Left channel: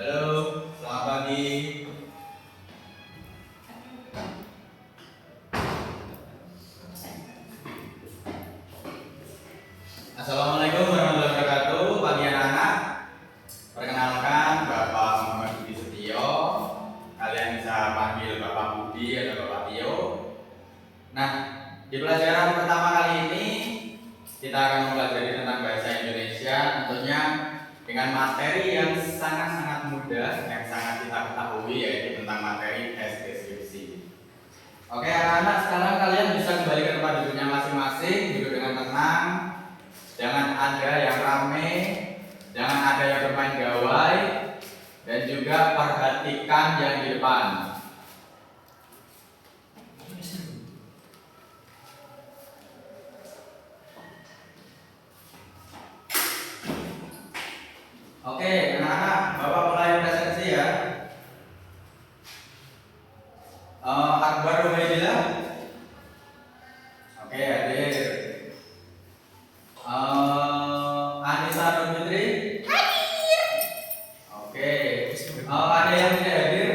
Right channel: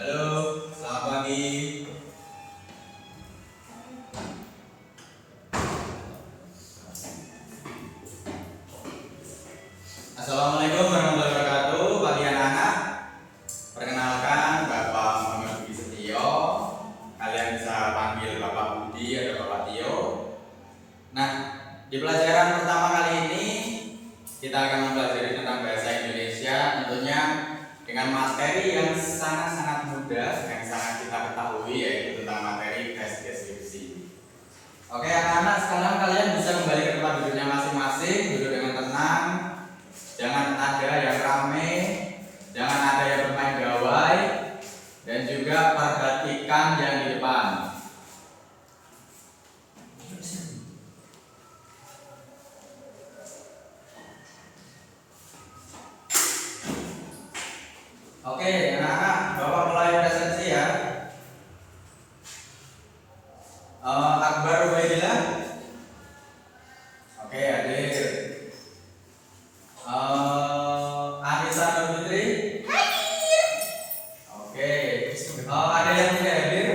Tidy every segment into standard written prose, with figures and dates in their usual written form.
Halo, selamat pagi. Assalamualaikum warahmatullahi wabarakatuh. Pagi anak-anak. Perkenalkan, Bapak Muhammad Budi Setio. Kalian bisa panggil Bapak Budi atau Bapak Tio. Nah, di pelajaran pertama kali ini kita akan mempelajari tentang bahasa Indonesia, tentunya dengan materi yang sangat-sangat mudah, yang sangat kita ketahui, yaitu tentang materi tes deskripsi. Oke anak-anak, sekarang kalian bisa kembali ke tempat duduknya masing-masing, duduk dengan tenang. Jangan ada yang rame, jangan ada yang bermain gawai, dan juga perhatikan yang di depan. Oke anak-anak, Bapak mulai presentasi ya. Akbar Ubaidillah. Oke, hadir. Anissa Nur Fitri. Hadir. Oke. Ada yang tidak hadir?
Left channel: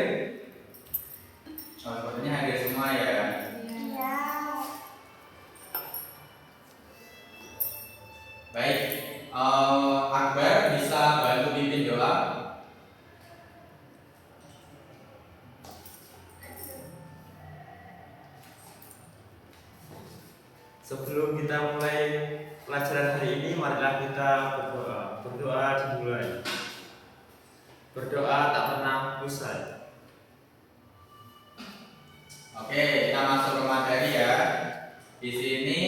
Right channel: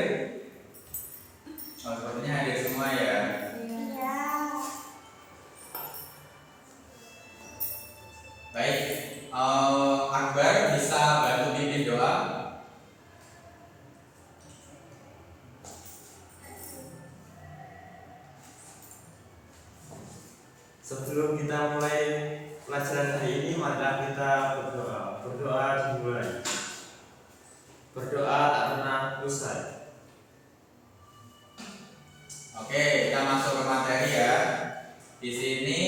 Sepertinya hadir semua ya. Iya. Baik. Akbar bisa bantu bikin doa. Sebelum kita mulai pelajaran hari ini, marilah kita berdoa. Berdoa dimulai. Berdoa tak pernah usai. Oke, kita masuk ke materi ya. Di sini,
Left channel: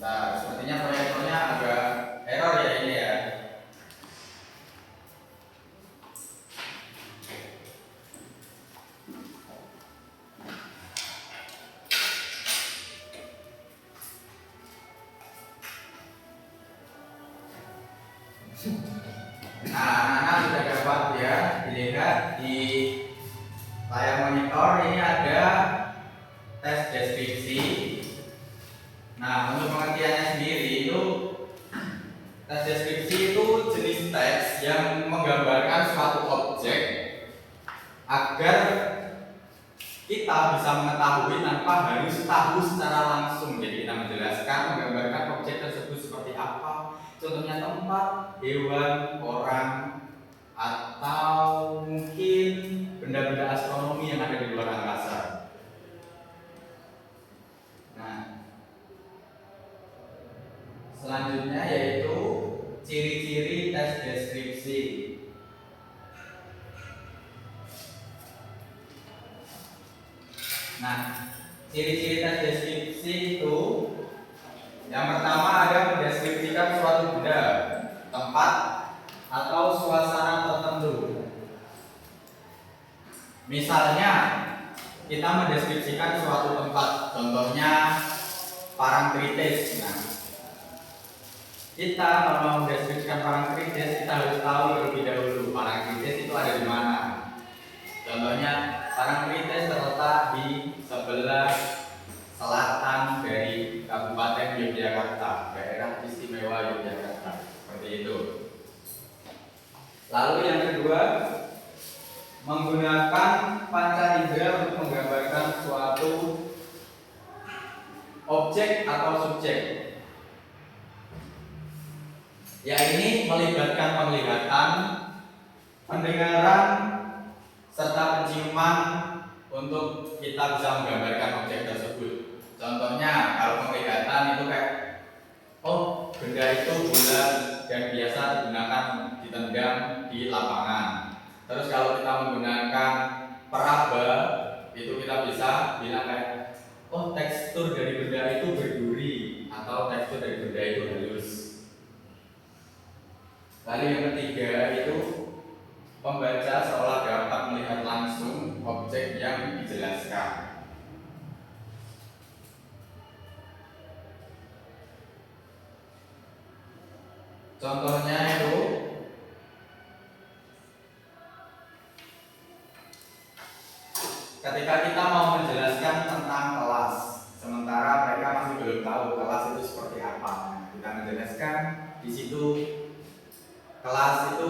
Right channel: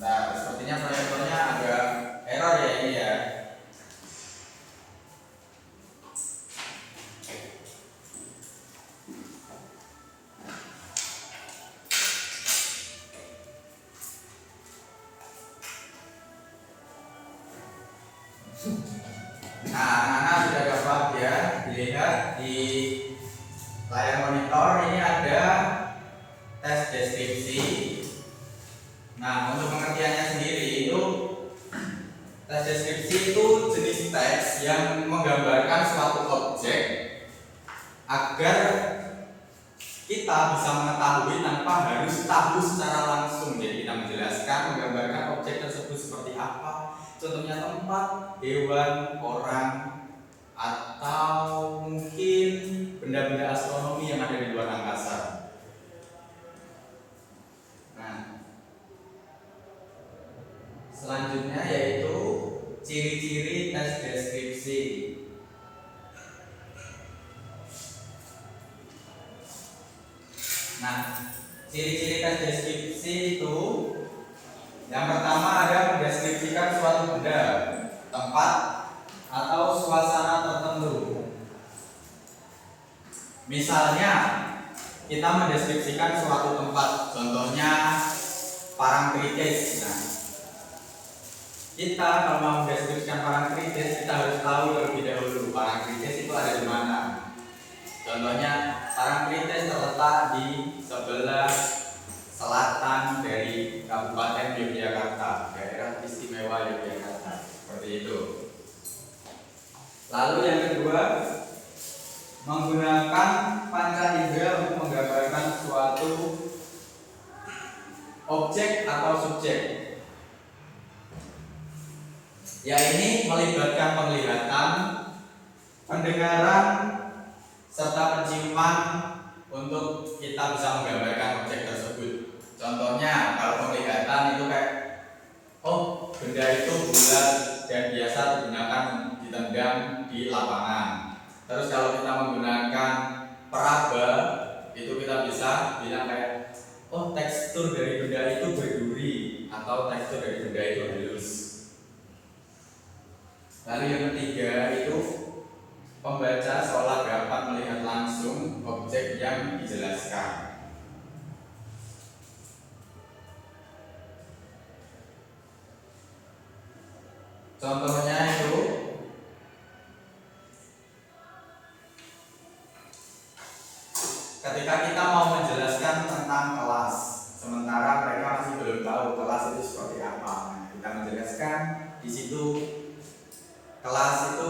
nah, sepertinya proyektornya agak error ya ini ya. Nah, anak-anak sudah dapat ya dilihat di layar monitor ini ada tes deskripsi. Nah, untuk pengertiannya sendiri itu tes deskripsi itu jenis teks yang menggambarkan suatu objek agar kita bisa mengetahui tanpa harus tahu secara langsung. Jadi kita menjelaskan, menggambarkan objek tersebut seperti apa. Contohnya tempat, hewan, orang, atau mungkin benda-benda astronomi yang ada di luar angkasa. Nah, selanjutnya yaitu ciri-ciri tes deskripsi. Nah, ciri-ciri tes deskripsi itu yang pertama ada mendeskripsikan suatu benda, tempat, atau suasana tertentu. Misalnya, kita mendeskripsikan suatu tempat, contohnya Parangtritis. Nah, kita kalau mau mendeskripsikan Parangtritis, kita harus tahu terlebih dahulu Parangtritis itu ada di mana. Contohnya, Parangtritis terletak di sebelah selatan dari Kabupaten Yogyakarta, daerah istimewa Yogyakarta, seperti itu. Lalu yang kedua, menggunakan panca indera untuk menggambarkan suatu objek atau subjek. Ya, ini melibatkan penglihatan, pendengaran, serta penciuman untuk kita bisa menggambarkan objek tersebut. Contohnya kalau penglihatan itu kayak, oh benda itu bulat dan biasa digunakan ditendang di lapangan. Terus kalau kita menggunakan peraba, itu kita bisa bilang kayak, oh tekstur dari benda itu berduri atau tekstur dari benda itu halus. Lalu yang ketiga itu pembaca seolah dapat melihat langsung objek yang dijelaskan. Contohnya itu ketika kita mau menjelaskan tentang kelas, sementara mereka masih belum tahu kelas itu seperti apa. Nah, kita menjelaskan di situ kelas itu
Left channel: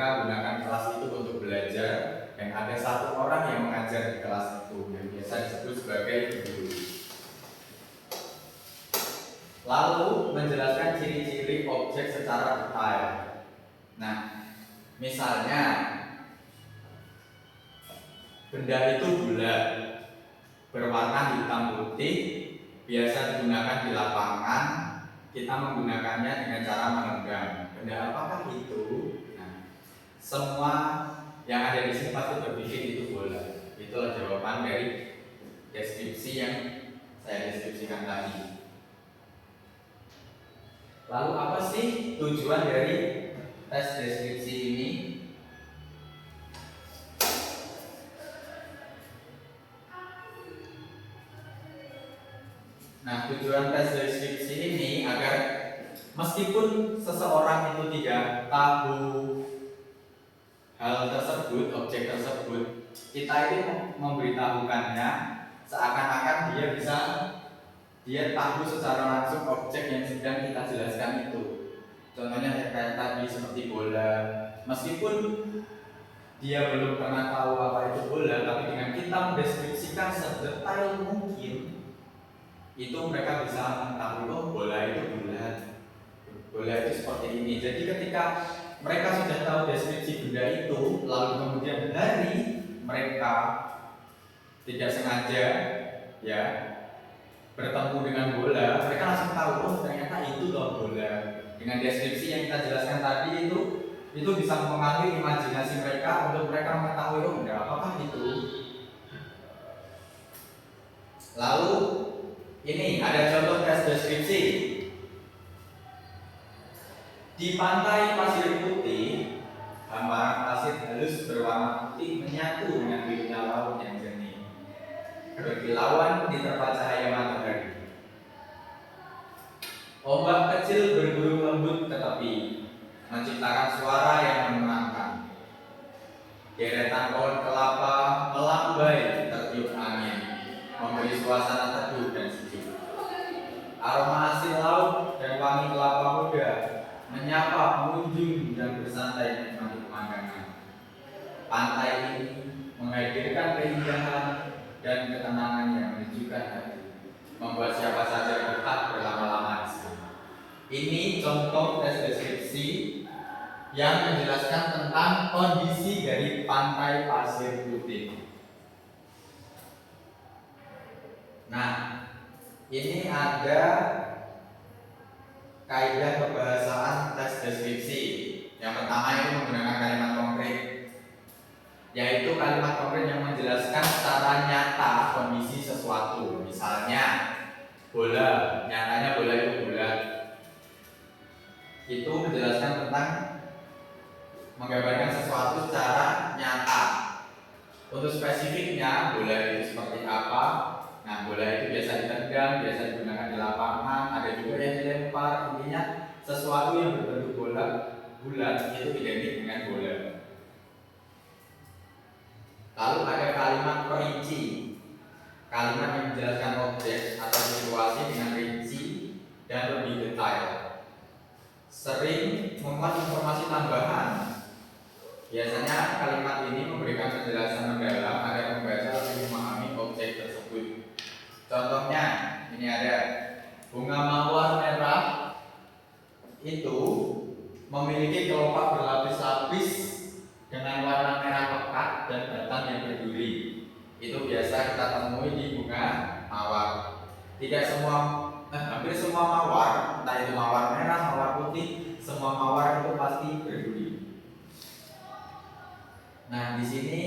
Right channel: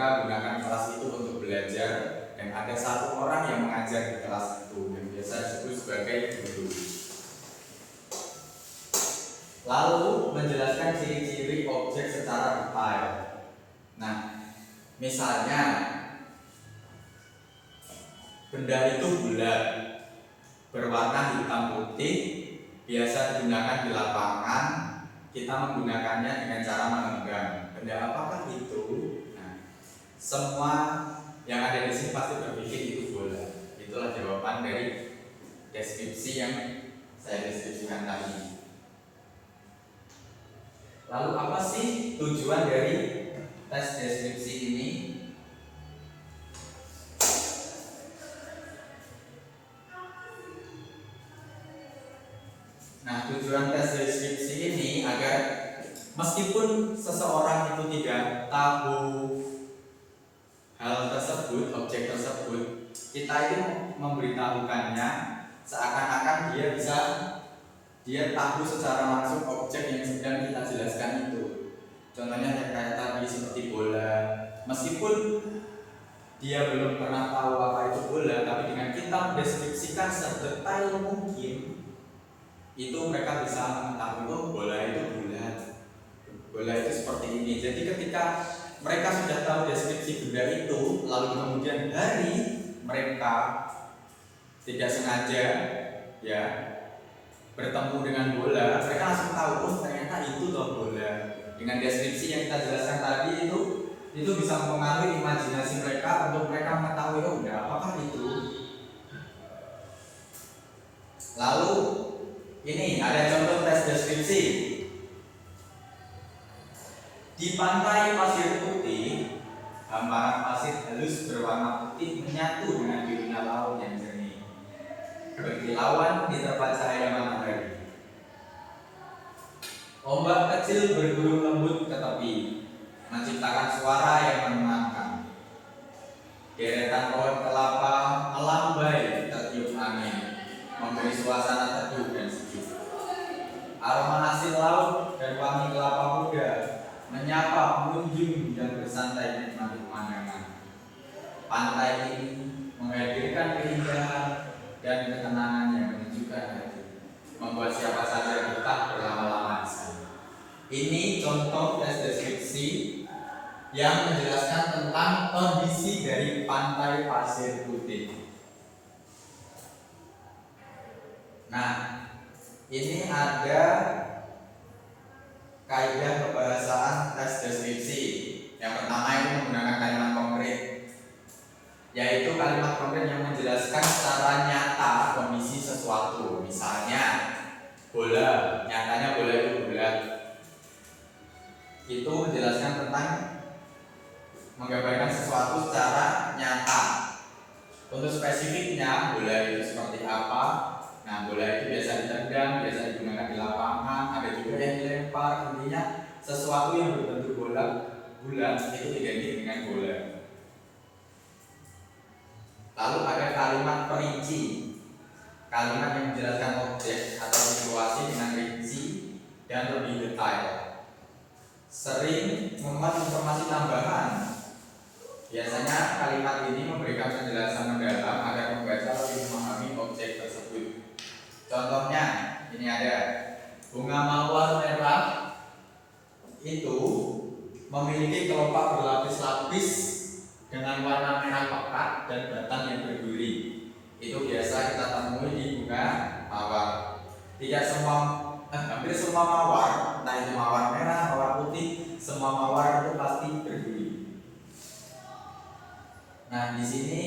mereka gunakan kelas itu untuk belajar dan ada satu orang yang mengajar di kelas itu yang biasa disebut sebagai guru. Lalu menjelaskan ciri-ciri objek secara detail. Nah, misalnya benda itu bulat, berwarna hitam putih, biasa digunakan di lapangan. Kita menggunakannya dengan cara menggenggam. Benda apakah itu? Nah, semua yang ada di sini pasti berpikir itu bola. Itulah jawaban dari deskripsi yang saya deskripsikan tadi. Lalu apa sih tujuan dari tes deskripsi ini? Nah, tujuan tes deskripsi ini agar meskipun seseorang itu tidak tahu hal tersebut, objek tersebut, kita itu memberitahukannya seakan-akan dia tahu secara langsung objek yang sedang kita jelaskan itu. Contohnya kayak tadi seperti bola. Meskipun dia belum pernah tahu apa itu bola, tapi dengan kita mendeskripsikan sedetail mungkin, itu mereka bisa mengetahui oh bola itu bulat, bola itu seperti ini. Jadi ketika mereka sudah tahu deskripsi benda itu, lalu kemudian hari mereka tidak sengaja ya bertemu dengan bola, mereka langsung tahu oh ternyata itu loh bola. Dengan deskripsi yang kita jelaskan tadi itu bisa mempengaruhi imajinasi mereka untuk mereka mengetahui oh benda apakah itu. Lalu ini ada contoh tes deskripsi. Di pantai pasir putih, hamparan pasir halus berwarna putih menyatu dengan birunya laut yang jernih, berkilauan diterpa cahaya matahari. Ombak kecil bergurung lembut ke tepi, menciptakan suara yang menenangkan. Deretan pohon kelapa melambai tertiup angin, memberi suasana teduh dan sejuk. Aroma hasil laut dan wangi kelapa muda menyapa pengunjung yang bersantai menikmati pemandangan. Pantai ini menghadirkan keindahan dan ketenangan yang menunjukkan hati, membuat siapa saja betah berlama-lama di sana. Ini contoh tes deskripsi yang menjelaskan tentang kondisi dari pantai pasir putih. Nah, ini ada kaidah kebahasaan tes deskripsi. Yang pertama itu menggunakan kalimat konkret, yaitu kalimat konkret yang menjelaskan secara nyata kondisi sesuatu. Misalnya bola, nyatanya bola itu bulat. Itu menjelaskan tentang menggambarkan sesuatu secara nyata. Untuk spesifiknya bola itu seperti apa? Nah, bola itu biasa ditendang, biasa digunakan di lapangan, ada juga yang dilempar. Intinya sesuatu yang berbentuk bola bulat itu identik dengan bola. Lalu ada kalimat perinci, kalimat yang menjelaskan objek atau situasi dengan rinci dan lebih detail. Sering memuat informasi tambahan. Biasanya kalimat ini memberikan penjelasan mendalam agar pembaca lebih memahami objek tersebut. Contohnya, ini ada bunga mawar merah itu memiliki kelopak berlapis-lapis dengan warna merah pekat dan batang yang berduri. Itu biasa kita temui di bunga mawar. Tidak semua, hampir semua mawar, entah itu mawar merah, mawar putih, semua mawar itu pasti berduri. Nah, di sini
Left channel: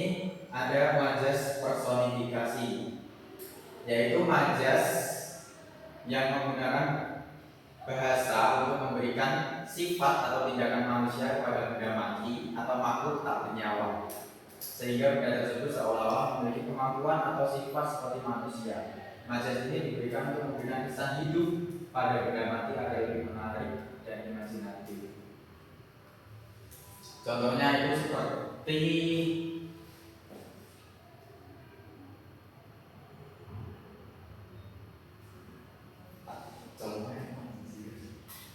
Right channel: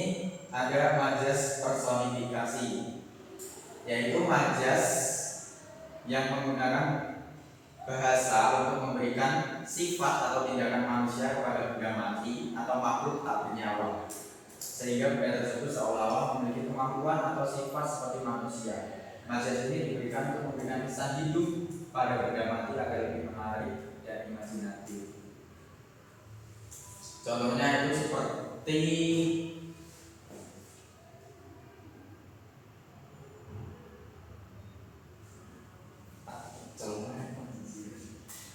ada majas personifikasi, yaitu majas yang menggunakan bahasa untuk memberikan sifat atau tindakan manusia kepada benda mati atau makhluk tak bernyawa, sehingga benda tersebut seolah-olah memiliki kemampuan atau sifat seperti manusia. Majas ini diberikan untuk memberikan kesan hidup pada benda mati agar lebih menarik dan imajinatif. Contohnya itu seperti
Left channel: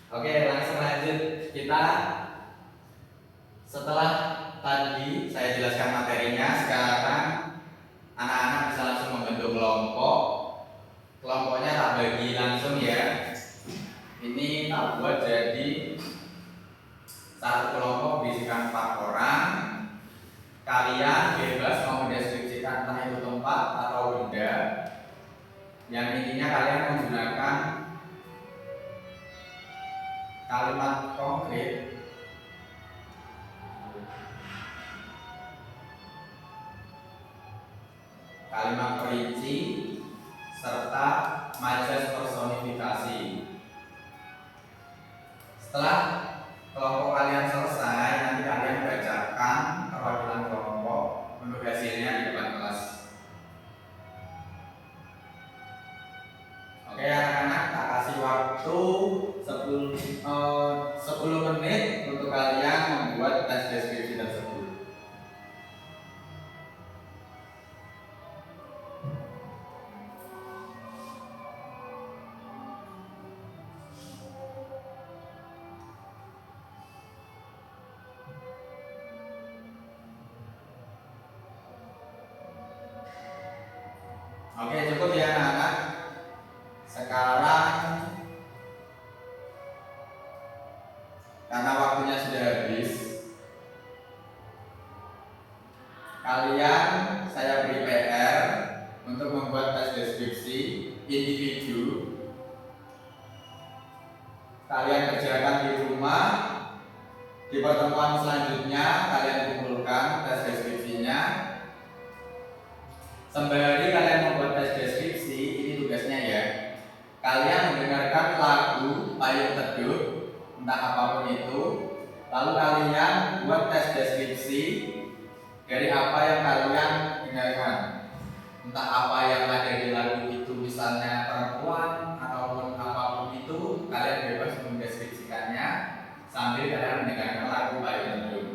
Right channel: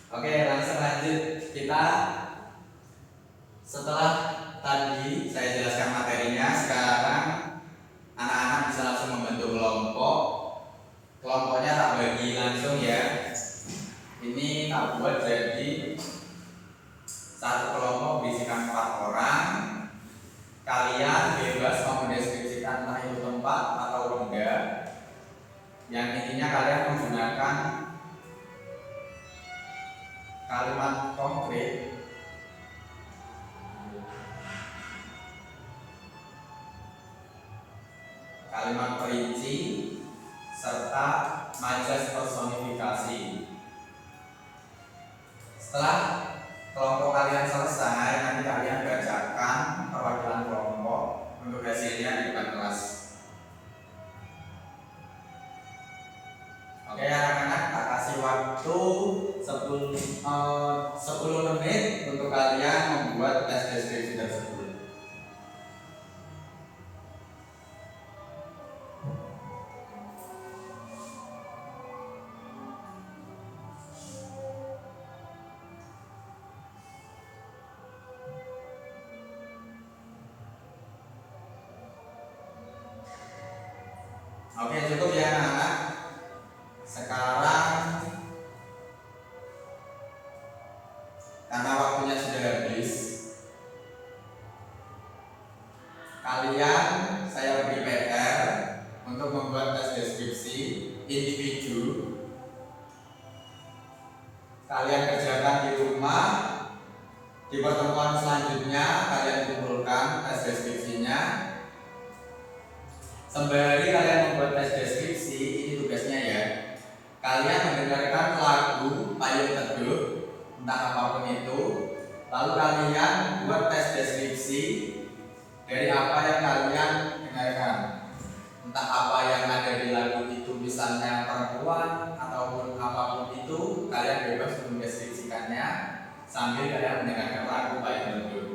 Oke, langsung lanjut. Kita Setelah tadi saya jelaskan materinya, sekarang anak-anak bisa langsung membentuk kelompok. Kelompoknya tak bagi langsung ya. Ini tak buat jadi satu kelompok berisikan 4 orang. Kalian bebas mau mendeskripsikan entah itu tempat atau benda. Yang intinya kalian menggunakan kalimat konkret, kalimat perinci, serta majas personifikasi. Setelah kelompok kalian selesai, nanti kalian bacakan perwakilan kelompok untuk hasilnya di depan kelas. Oke anak-anak, tak kasih waktu 10 menit untuk kalian membuat tes deskripsi tersebut. Oke, cukup ya anak-anak. Sekarang karena waktunya sudah habis, kalian saya beri PR untuk membuat tes deskripsi individu. Kalian kerjakan di rumah. Di pertemuan selanjutnya kalian kumpulkan tes deskripsinya. Sembari kalian membuat tes deskripsi, ini tugasnya ya. Kalian mendengarkan lagu Payung Teduh, entah apapun itu. Lalu kalian buat tes deskripsi dari apa yang kalian dengarkan. Entah apa yang ada di lagu itu, misalnya perempuan ataupun apapun itu, kalian bebas mendeskripsikannya sambil kalian mendengarkan lagu Payung Teduh.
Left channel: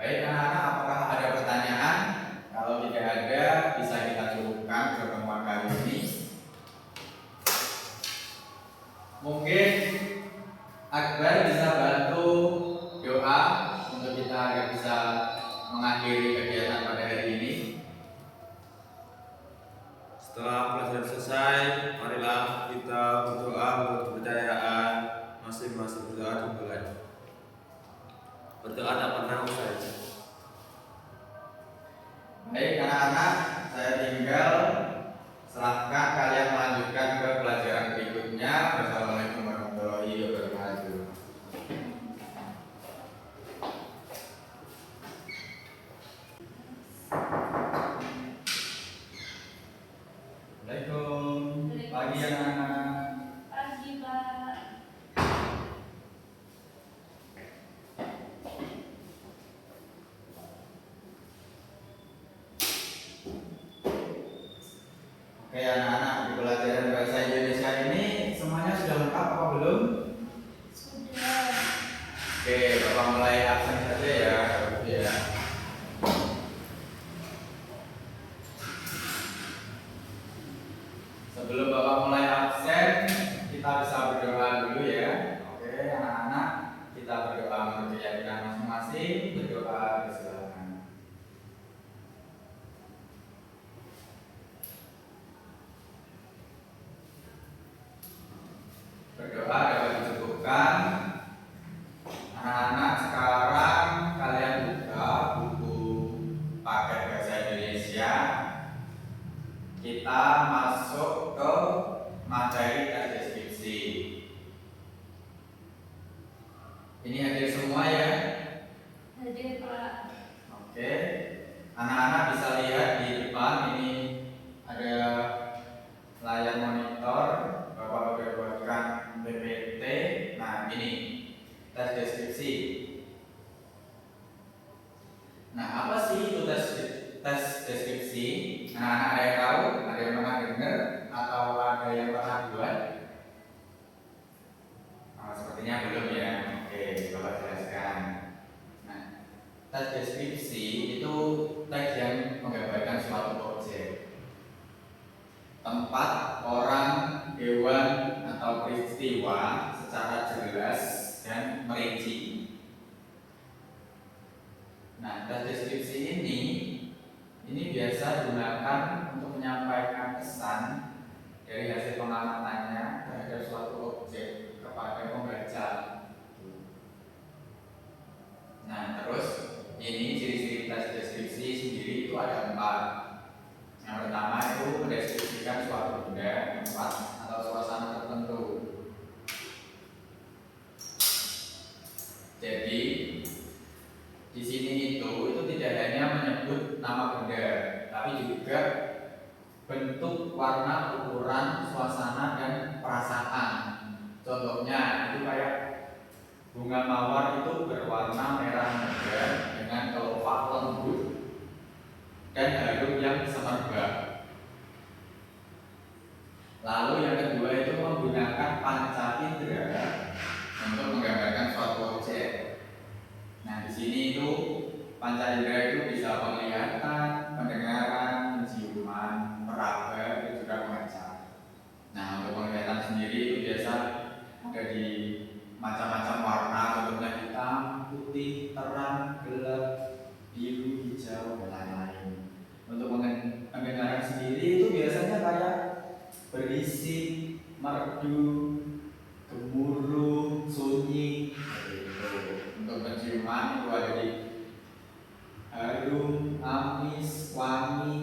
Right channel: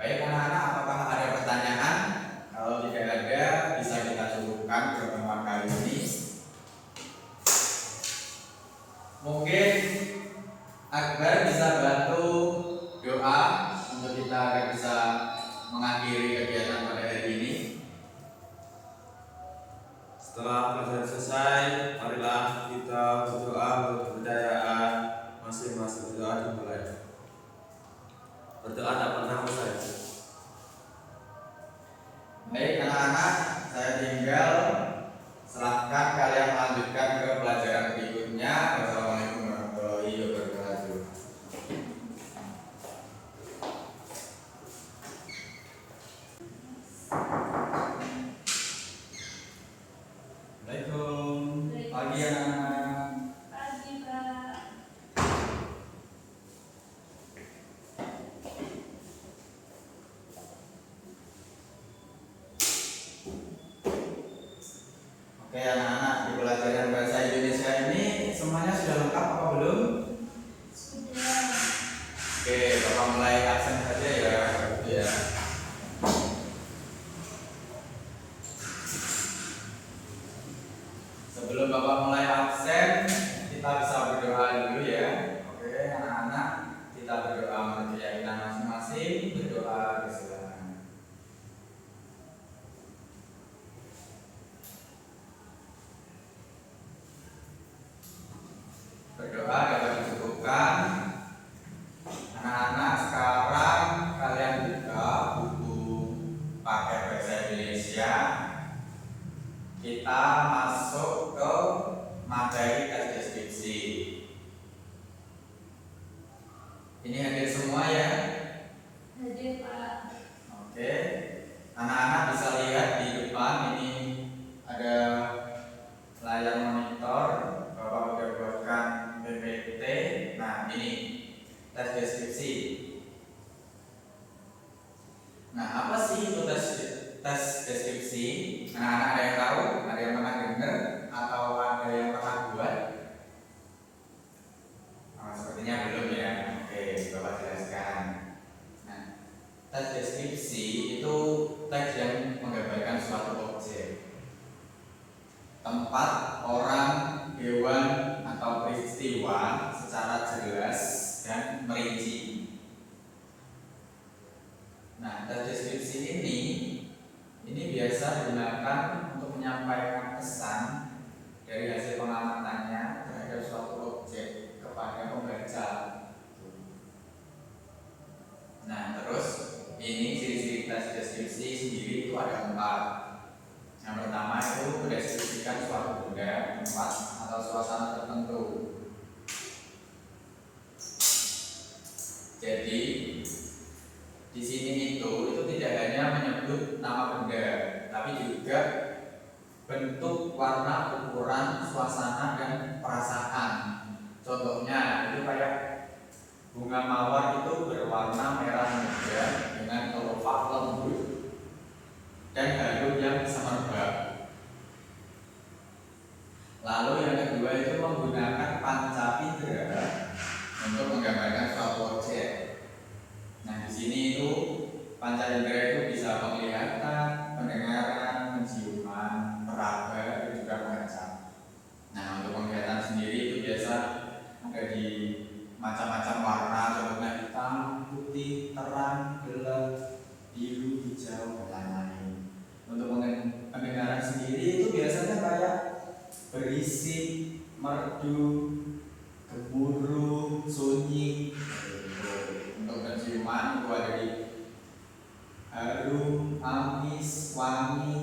Baik anak-anak, apakah ada pertanyaan? Kalau tidak ada, bisa kita cukupkan pertemuan kali ini. Mungkin Akbar bisa bantu doa untuk kita agar bisa mengakhiri kegiatan pada hari ini. Setelah pelajaran selesai, marilah kita berdoa untuk kepercayaan masing-masing. Berdoa dimulai. Berdoa tak pernah usai. Baik anak-anak, saya tinggal serahkan kalian melanjutkan ke pelajaran berikutnya. Wassalamualaikum warahmatullahi wabarakatuh. Assalamualaikum. Pagi anak-anak. Pagi, Pak. Oke anak-anak, di pelajaran bahasa Indonesia ini semuanya sudah lengkap apa belum? Sudah. Oke, Bapak mulai absen saja ya, Ibu ya. Sebelum Bapak mulai absen, kita bisa berdoa dulu ya. Oke, anak-anak, kita berdoa menurut keyakinan masing-masing. Berdoa silakan. Berdoa dapat dicukupkan. Anak-anak, sekarang kalian buka buku paket bahasa Indonesia. Kita masuk ke materi tes deskripsi. Ini hadir semua ya. Hadir, Pak. Oke. Anak-anak bisa lihat di depan ini ada layar monitor. Bapak udah buatkan PPT. Nah, ini tes deskripsi. Nah, apa sih itu tes deskripsi? Anak-anak ada yang tahu? Ada yang pernah dengar atau ada yang pernah buat? Oh, sepertinya belum ya. Oke, Bapak jelaskan. Nah, tes tempat, orang, hewan, atau peristiwa secara jelas dan merinci. Nah, tes deskripsi ini biasa digunakan untuk menyampaikan pesan dari hasil pengamatannya terhadap suatu objek kepada pembaca. Nah, terus ini ciri-ciri tes deskripsi sendiri itu ada 4. Yang pertama itu mendeskripsikan suatu benda, tempat, atau suasana tertentu. Jadi di sini itu tidak hanya menyebut nama benda, tapi juga bentuk, warna, ukuran, suasana, dan perasaan. Contohnya itu kayak bunga mawar itu berwarna merah muda dengan kelopak lembut dan harum yang semerbak. Lalu yang kedua itu menggunakan panca indera untuk menggambarkan suatu objek. Nah, di sini itu panca indera itu bisa penglihatan, pendengaran, penciuman, peraba, dan juga membaca. Nah, untuk penglihatan sendiri itu biasa ada di macam-macam warna, contohnya hitam, putih, terang, gelap, biru, hijau, dan lain-lain. Untuk pendengaran sendiri itu biasanya kayak berisik, merdu, gemuruh, sunyi. Untuk penciuman itu ada di harum, amis, wangi,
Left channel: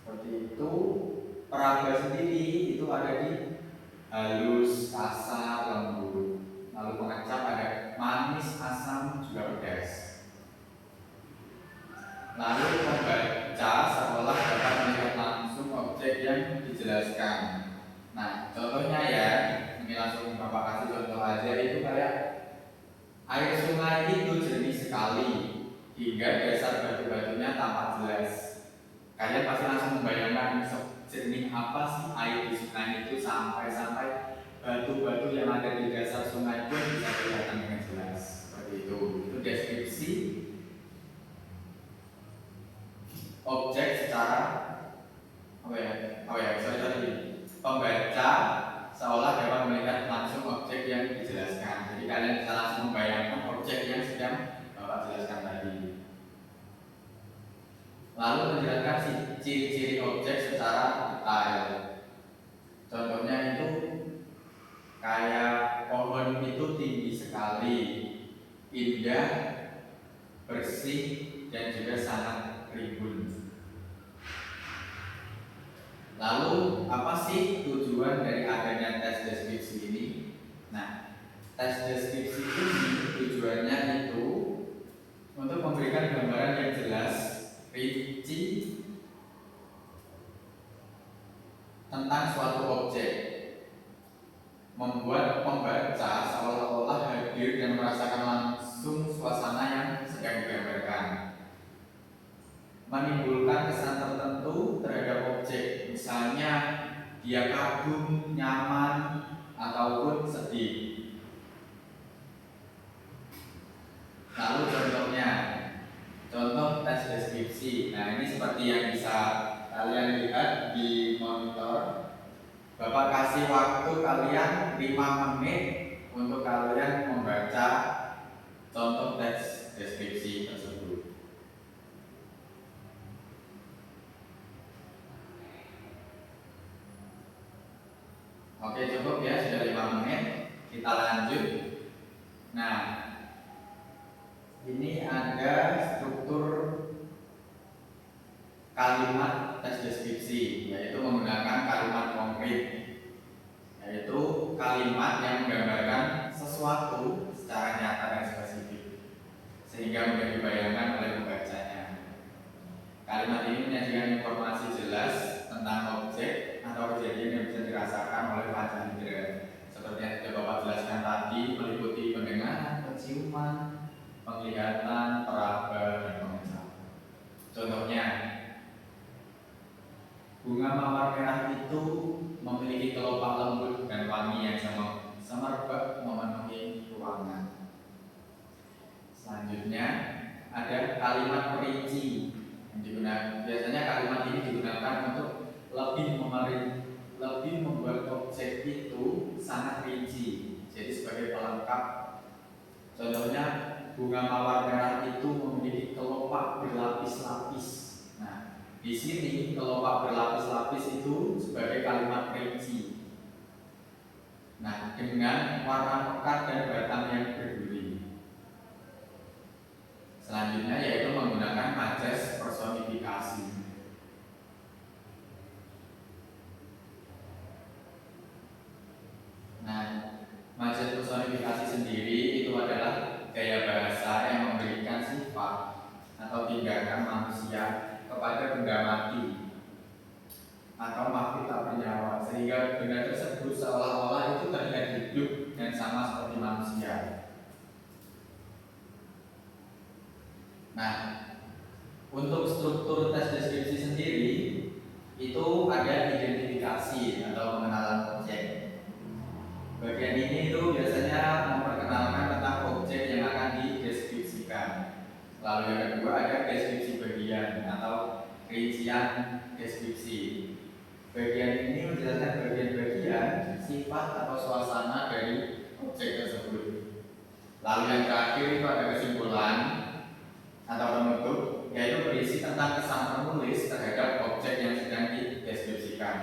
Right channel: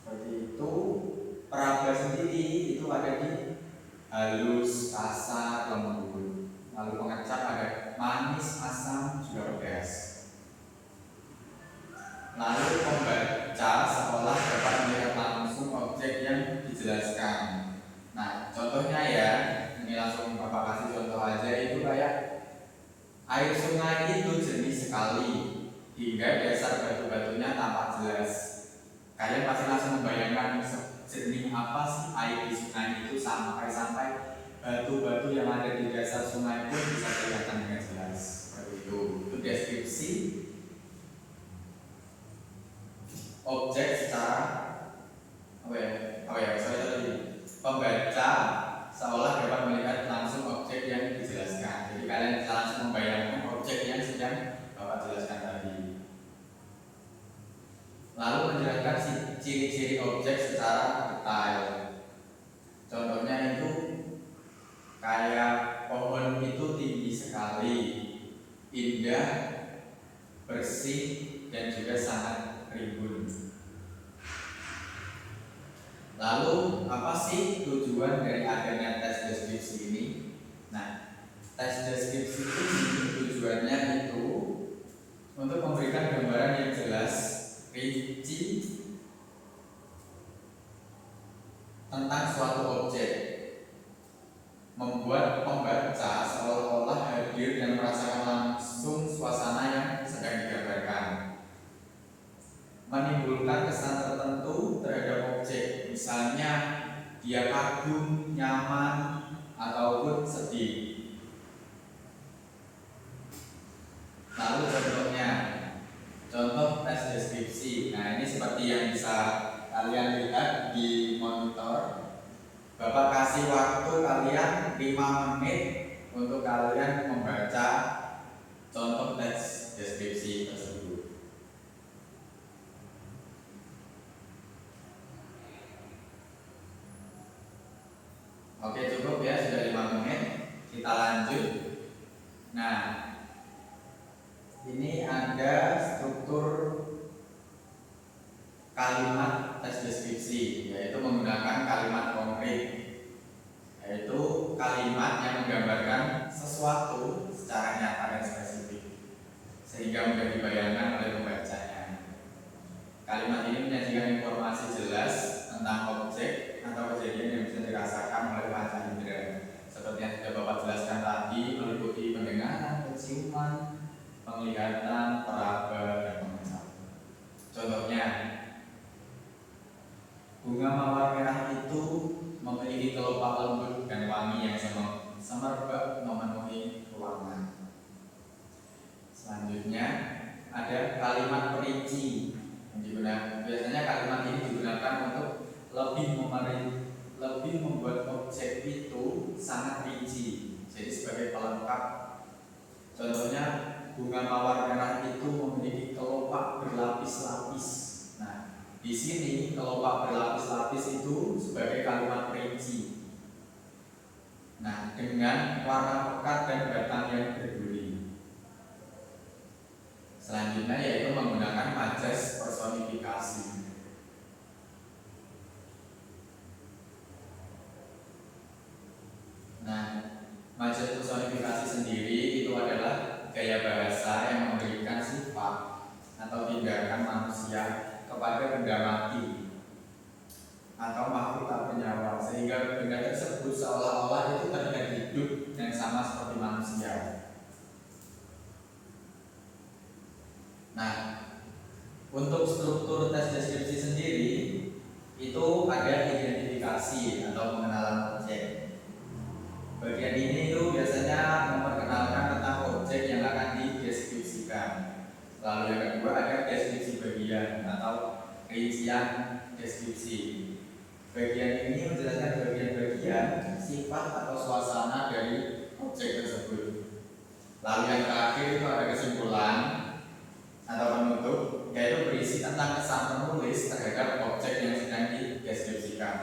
seperti itu. Peraba sendiri itu ada di halus, kasar, lembut. Lalu pengecap ada manis, asam, juga pedas. Lalu pembaca seolah dapat melihat langsung objek yang dijelaskan. Nah, contohnya ya, ini langsung Bapak kasih contoh aja, itu kayak air sungai itu jernih sekali hingga dasar batu-batunya tampak jelas. Kalian pasti langsung membayangkan jernih apa sih air di sungai itu sampai batu-batu yang ada di dasar sungai pun bisa kelihatan dengan jelas. Seperti itu. Itu deskripsi objek secara pembaca seolah dapat melihat langsung objek yang dijelaskan. Jadi kalian bisa langsung membayangkan objek yang sedang Bapak jelaskan tadi. Lalu menjelaskan ciri-ciri objek secara detail. Contohnya itu kayak pohon itu tinggi sekali, indah, bersih, dan juga sangat rimbun. Lalu apa sih tujuan dari adanya tes deskripsi ini? Nah, tes deskripsi ini tujuannya itu untuk memberikan gambaran yang jelas, rinci tentang suatu objek, membuat pembaca seolah-olah hadir dan merasakan langsung suasana yang sedang digambarkan, menimbulkan kesan tertentu terhadap objek, misalnya dia kagum, nyaman, ataupun sedih. Lalu contoh tes deskripsi. Nah, ini seperti yang bisa kalian lihat di monitor. Bapak kasih waktu kalian 5 menit untuk kalian membaca contoh tes deskripsi tersebut. Oke, cukup ya, sudah 5 menit. Kita lanjut. Nah, ini ada struktur kalimat tes deskripsi, yaitu menggunakan kalimat konkret, yaitu kalimat yang menggambarkan sesuatu secara nyata dan spesifik, sehingga mudah dibayangkan oleh pembacanya. Kalimat ini menyajikan informasi jelas tentang objek atau kejadian yang bisa dirasakan oleh panca indera, seperti yang sudah Bapak jelaskan tadi, meliputi pendengaran, penciuman, penglihatan, peraba, dan pengecap. Contohnya, bunga mawar merah itu memiliki kelopak lembut dan wangi yang semerbak memenuhi ruangan. Selanjutnya ada kalimat perinci yang digunakan. Biasanya kalimat ini digunakan untuk lebih lebih membuat objek itu sangat rinci. Jadi sebagai pelengkap, contohnya bunga mawar merah itu memiliki kelopak berlapis-lapis. Nah, di sini kelopak berlapis-lapis itu sebagai kalimat rinci. Nah, dengan warna pekat dan batang yang berduri. Selanjutnya yaitu menggunakan majas personifikasi. Nah, majas personifikasi sendiri itu adalah gaya bahasa yang memberikan sifat atau tindakan manusia kepada benda mati atau makhluk tak bernyawa, sehingga benda tersebut seolah-olah itu terlihat hidup dan sama seperti manusia. Nah, untuk struktur tes deskripsi sendiri itu ada identifikasi atau pengenalan objek. Bagian ini itu biasanya memperkenalkan tentang objek yang akan dideskripsikan. Lalu yang kedua ada deskripsi bagian atau rincian deskripsi. Bagian ini menjelaskan bagian-bagian sifat atau suasana dari objek tersebut. Lalu yang terakhir itu ada kesimpulan atau penutup, yaitu berisi tentang kesan penulis terhadap objek yang sedang dideskripsikan.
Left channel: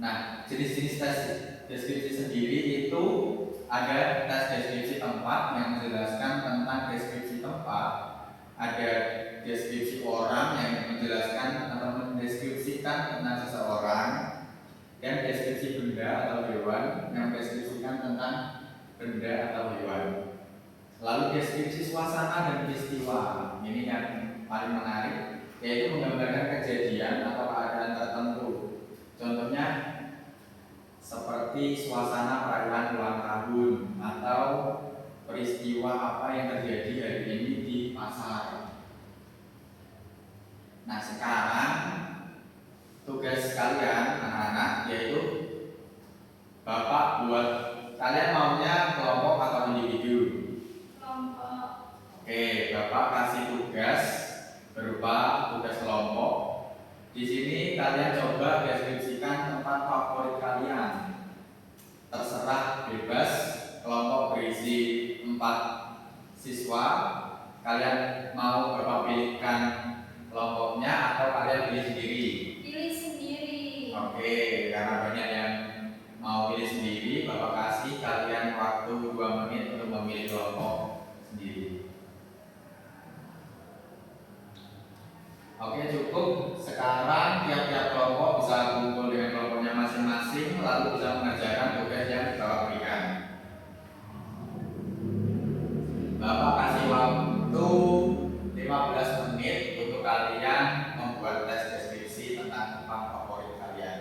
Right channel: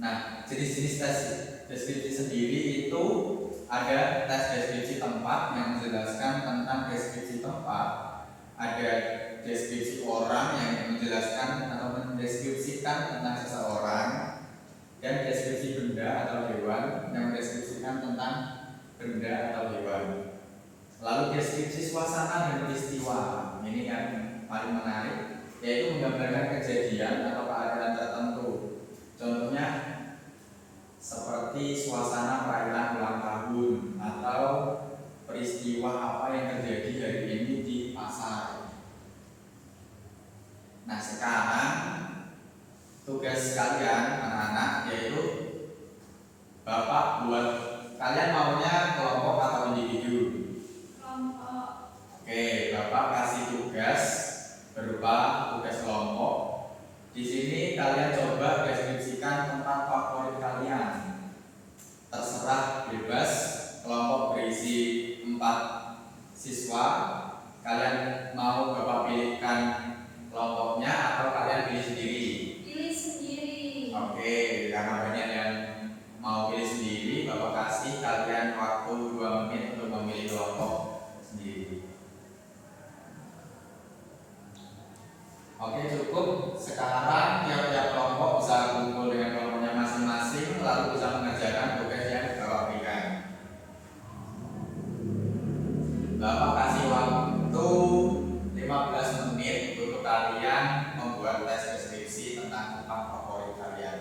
Nah, jenis-jenis tes deskripsi sendiri itu ada tes deskripsi tempat yang menjelaskan tentang deskripsi tempat, ada deskripsi orang yang menjelaskan atau mendeskripsikan tentang seseorang, dan deskripsi benda atau hewan yang mendeskripsikan tentang benda atau hewan. Lalu deskripsi suasana dan peristiwa, ini yang paling menarik, yaitu menggambarkan kejadian atau keadaan tertentu. Contohnya seperti suasana perayaan ulang tahun atau peristiwa apa yang terjadi hari ini di pasar. Nah, sekarang tugas kalian anak-anak yaitu Bapak buat, kalian maunya kelompok atau individu? Kelompok. Oke, Bapak kasih tugas berupa tugas kelompok. Di sini kalian coba deskripsikan tempat favorit kalian. Terserah, bebas. Kelompok berisi 4 siswa. Kalian mau Bapak pilihkan kelompoknya atau kalian pilih sendiri? Pilih sendiri. Oke, karena banyak yang mau pilih sendiri, Bapak kasih kalian waktu 2 menit untuk memilih kelompok sendiri. Oke, cukup. Sekarang tiap-tiap kelompok bisa kumpul dengan kelompoknya masing-masing, lalu bisa mengerjakan tugas yang Bapak berikan. Bapak kasih waktu 15 menit untuk kalian membuat tes deskripsi tentang tempat favorit kalian.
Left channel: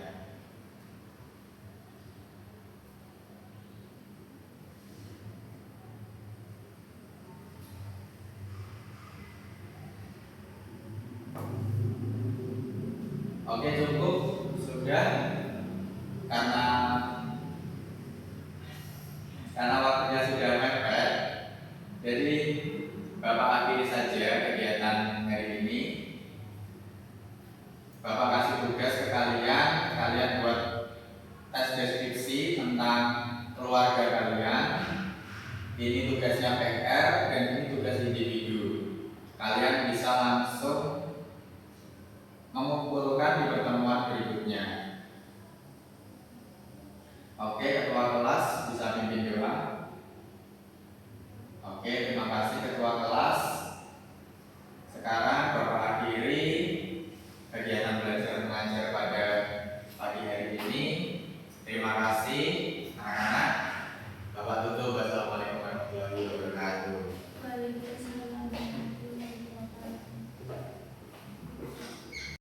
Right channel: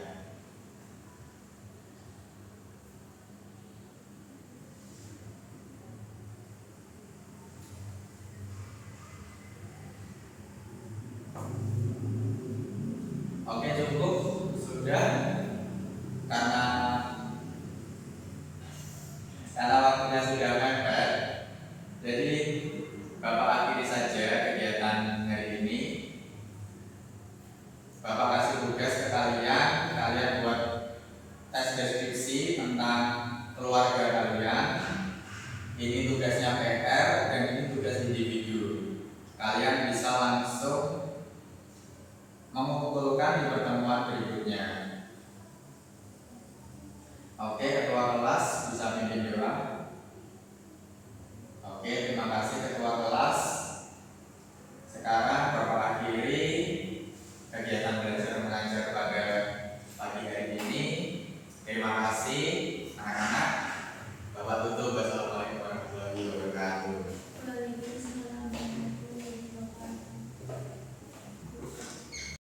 Oke, cukup. Sudah. Karena waktunya sudah mepet, jadi Bapak akhiri saja kegiatan hari ini. Bapak kasih tugas ke kalian, kalian buat tes deskripsi tentang keluarga kalian. Ini tugasnya PR dan ini tugas individu. Kalian